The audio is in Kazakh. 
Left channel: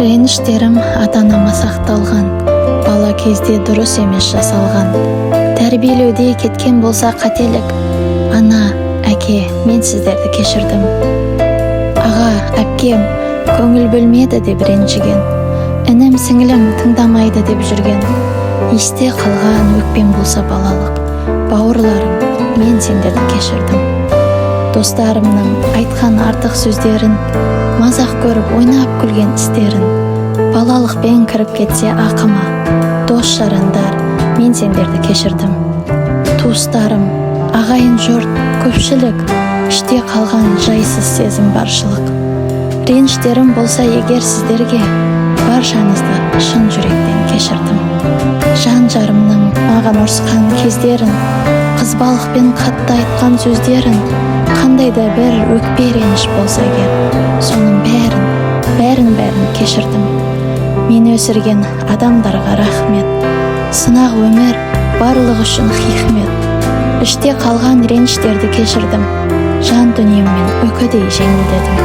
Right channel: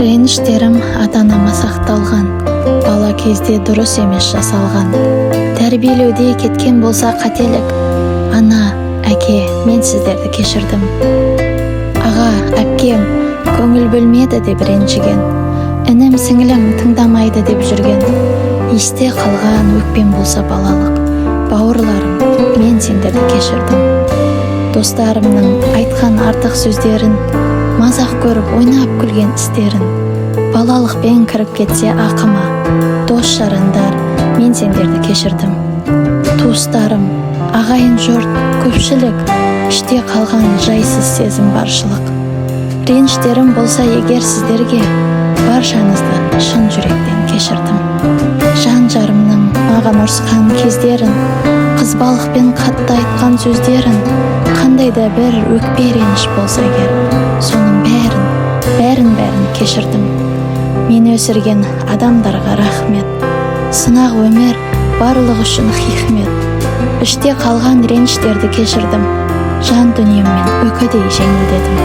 Реніштерім ата-анама сақталған, бала кезде дұрыс емес жасалған. Тәрбиелеуде кеткен болса қателік, ана, әке, мен сіздерді кешірдім. Аға, әпкем, көңіл бөлмеді деп ренжіген, інім, сіңілім тыңдамайды деп жүрген. Есте қалған өкпем болса балалық, бауырларым, мен сендерді кешірдім. Достарымның айтқан артық сөздерін, мазақ көріп ойнап күлген істерін, балалықпен кіріп кетсе ақыма, дос жарандар, мен сендерді кешірдім. Туыстарым, ағайын жұрт, көпшілік, іште қалған жайсыз сезім баршылық. Реніштерім болса егер сіздерге, баршаңызды шын жүректен кешірдім. Жан жарымның маған ұрысқан кездерін, қызбалықпен қатты айтқан сөздерін, қандай да бір өкпе реніш болса егер, соның бәрін кешірдім. Мен өсірген адамдарға рахмет, сынақ өмір барлық үшін хикмет. Іште қалған реніштерді кешірдім, жан дүниеммен үкідей жеңілдедім.